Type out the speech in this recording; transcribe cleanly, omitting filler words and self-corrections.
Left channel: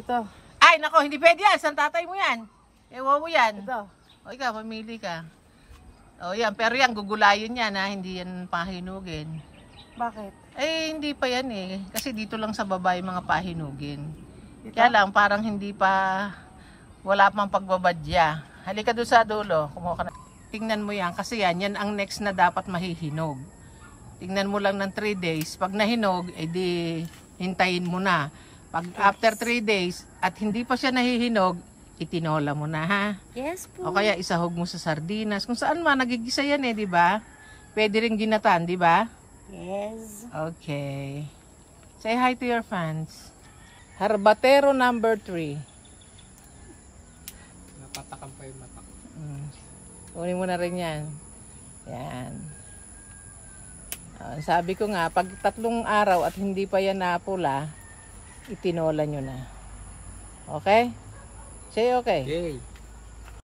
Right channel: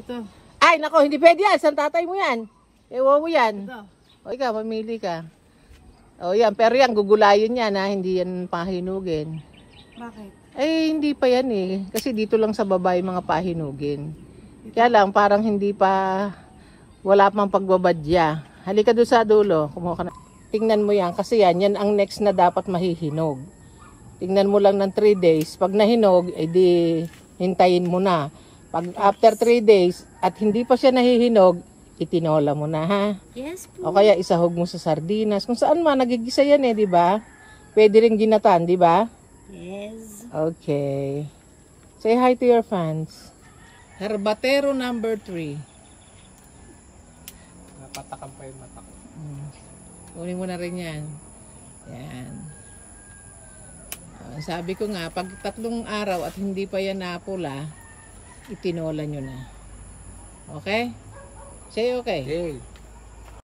Ito. Ay, nako, hindi pwede yan. San tatay mo yan? Ewan mo yan. Ito. O, ikaw, mamili ka. O, yan. Pero yan, gugulayin yan, ha. Hindi yan pahinugin. Bakit? Eh, hindi pa yan, eh. Kasi dito lang sa baba yung mga pahinugin. Kaya lang, parang hindi pa, wala pang pagbabadya. Halika doon sa dulo. Kumuha ka na. Tingnan mo yan, kasi yan ang next na dapat mahihinog. Tingnan mo lang ng 3 days. Pag nahinog, edi hintayin mo na. Pag after 3 days at hindi pa siya nahihinog, itinola mo na, ha? Yes po. O kaya isahog mo sa sardinas. Kung saan man, nagigisa yan eh, di ba? Pwede rin ginatan, di ba? Yes. Okay. Say hi to your fans. Harbatero number 3. Napatakan pa yung mata ko. Kunin mo na rin yan. Yan. Sabi ko nga, pag 3 araw at hindi pa yan napula, itinola nyo na. Okay? Say okay. Okay.